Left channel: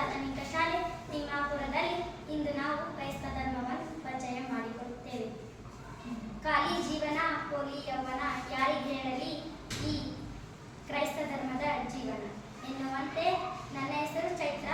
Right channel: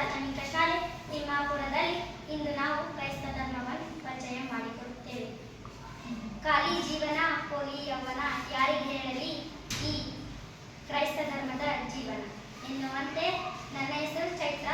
ಪ್ರಾಥಮಿಕ ಶಾಲೆ ತಿಮ್ಮಾಪುರದಲ್ಲಿ ಇಂದು ನಾವು ಕ್ರೈಸ್ತ ಧರ್ಮವನ್ನು ಪರಿಚಯ ಮಾಡಿಕೊಡುತ್ತೇವೆ. ಖಾಲಿ ಜೀವನ ಕೋಲಿ ಯೌವನ, ಯಾರಿಗೆ ಹೇಳಲಿ ಈ ಕ್ರೈಸ್ತ ಧರ್ಮದ ಜೀವನ ಎನ್ನುವಂತೆ ನನ್ನ ಹೆಸರು ಚೈತ್ರ.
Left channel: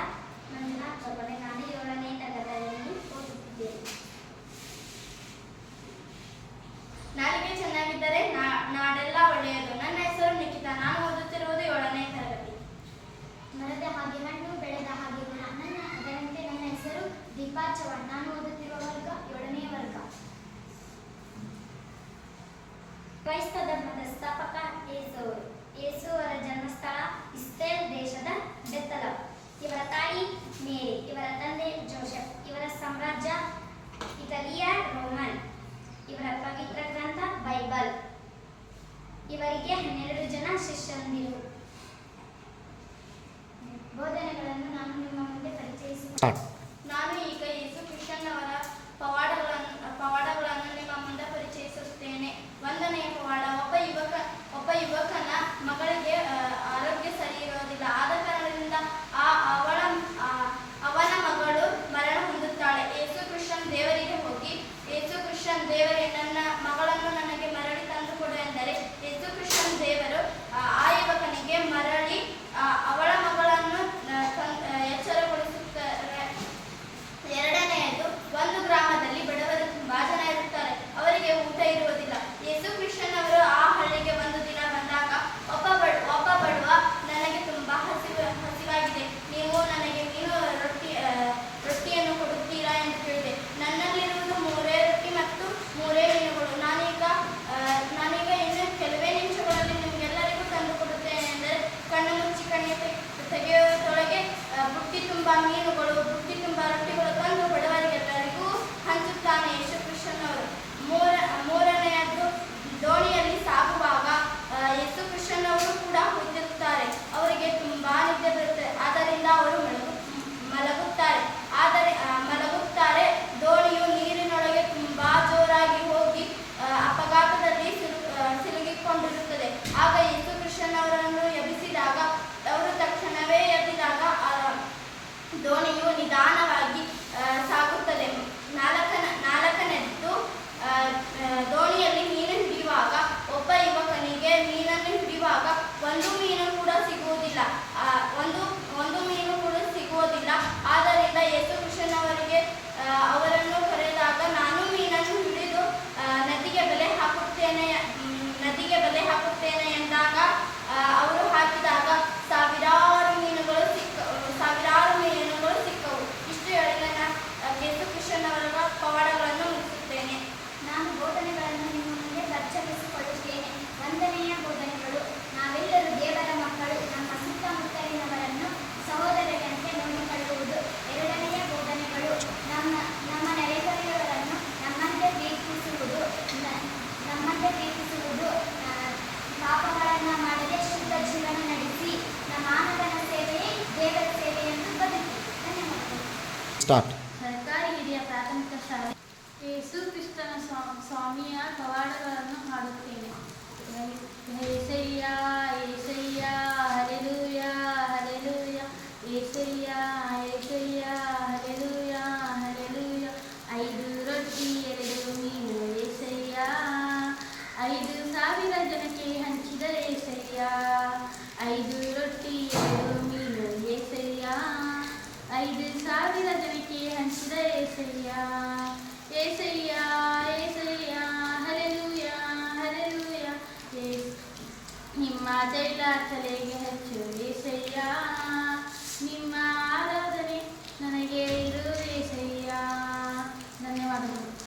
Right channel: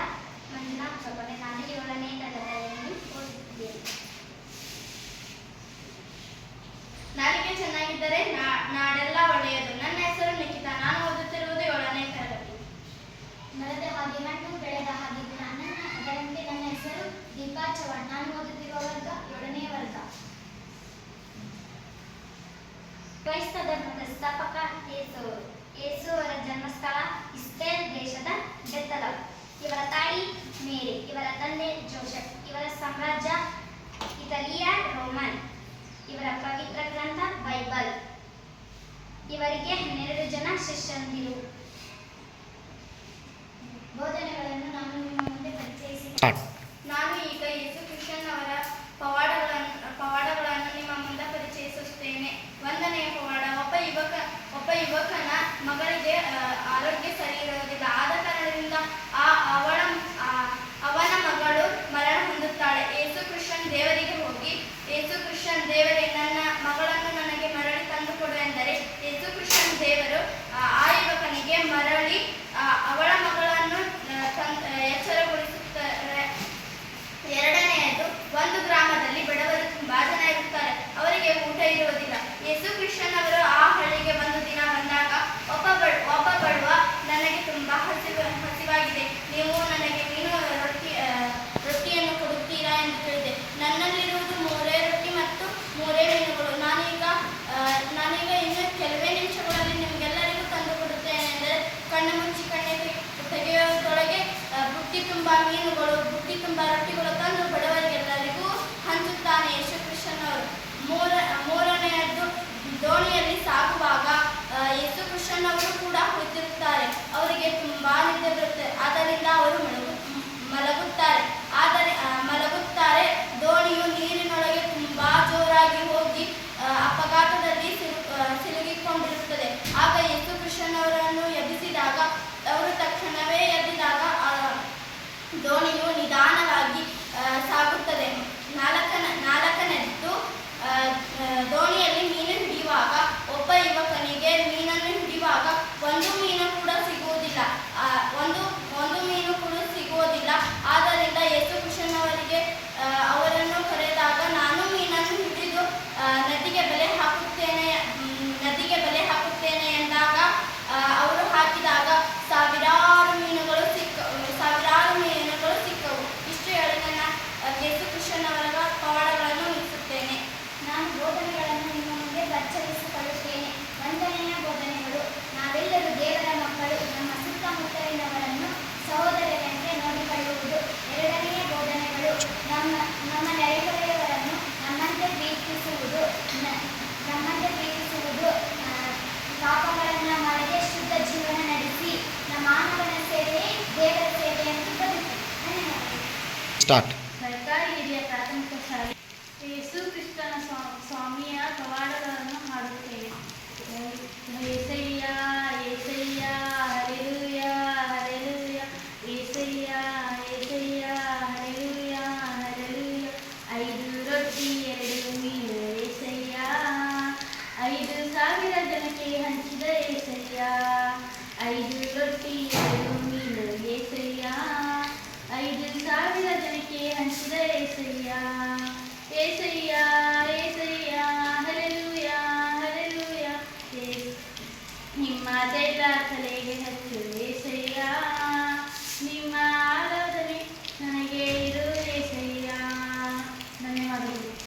ಕ್ರೈಸ್ತ ಧರ್ಮದ ಸ್ಥಾಪಕ ಯೇಸು ಅವರ ಜನ್ಮಸ್ಥಳ ಇಸ್ರೇಲ್ ದೇಶದ ಬೆತ್ತಲ. ಇವರ ತಾಯಿ ಮೇರಿ, ಇವರ ತಂದೆ ಜೋಸೆಫ್, ಇವರ ಸಾಮ್ರಾಜ್ಯ ಇಟಲಿಯ ರೋಮನ್, ಇವರ ಪವಿತ್ರ ಗ್ರಂಥ ಬೈಬಲ್. ಇವರಿಗೆ ಹನ್ನೆರಡು ಜನ ಶಿಷ್ಯಂದಿರು ಬೋಧನೆಗಳನ್ನು ನಾನು ನಿಮ್ಮ ಮುಂದೆ ಪರಿಚಯಿಸಿ ತುಂಬ ಮೀನುಗಳು ಬುಟ್ಟಿ ತುಂಬ ರೊಟ್ಟಿಗಳು ತಂದು ಬಡವರಿಗೆಲ್ಲರಿಗೂ ಹಂಚುತ್ತಾನೆ ಯೇಸು ಕೃಷ್ಣನವರು ಮೂರ, ಮೂರನೆಯದ್ದು ದೋಣಿಯಲ್ಲಿ ಸಾಗುವಾಗ ಯೇಸು ಕೃಷ್ಣನವರು ಕೂಡ ಕುಳಿತಿರುತ್ತಾರೆ. ಅವರಿಗೆ ತುಂಬಾ ನಿದ್ದೆ ಬರುತ್ತೆ. ಆದ್ದರಿಂದ ಅವರು ಮಲಗು, ಮಲಗುತ್ತಾರೆ. ಆದರೆ ಮಲ ದೋಣಿಯು ನಿಧಾನವಾಗಿ ಸಾಗುತ್ತದೆ. ನಾಲ್ಕನ, ನಾಲ್ಕನೆದ್ದು ದೋಣಿಯಲ್ಲಿ ಮೀನು ಹಿಡಿಯುವಾಗ, ಒಬ್ಬ ಯುವಕನಿಗೆ ಮೀನನ್ನು ಹಿಡಿಯುವಾಗ ಒಂದು ಮೀನು ಕೂಡ ಸಿಗುವುದಿಲ್ಲ. ಅಚ್ಚರಿಸಿಕೊಳ್ಳುತ್ತೇನೆ ಒಂದನೆಯ ಬೋಧನೆಗಳು. ನಾವೆಲ್ಲರೂ ದೇವರ ಮಕ್ಕಳು. ನಮ್ಮ ಸುತ್ತಮುತ್ತಲಿನವರನ್ನು ಸಹೋದರರಂತೆ ನೋಡಿಕೊಳ್ಳುವುದು ಎರಡನೆಯ ಬೋಧನೆಗಳು. ನಮ್ಮ ನಮ್ಮ ನೆರೆಹೊರೆಯವರನ್ನು ನಮ್ಮಂತೆ ಪ್ರೀತಿಸುವುದು ನಮ್ಮಂತೆ ಪ್ರೀತಿಸುವುದು ಪಾಪಗಳನ್ನು ಮಾಡದೆ ಶುದ್ಧ ಜೀವನ ನಡೆಸಿ ನಮ್ಮ ಮಾನವನ ಸೇವೆಯೇ ದೇವರ ಸೇವೆ ಎಂದು ಬದುಕಿ. ಧನ್ಯವಾದಗಳು. ಸ್ಟಾರ್ಟ್ ಐದು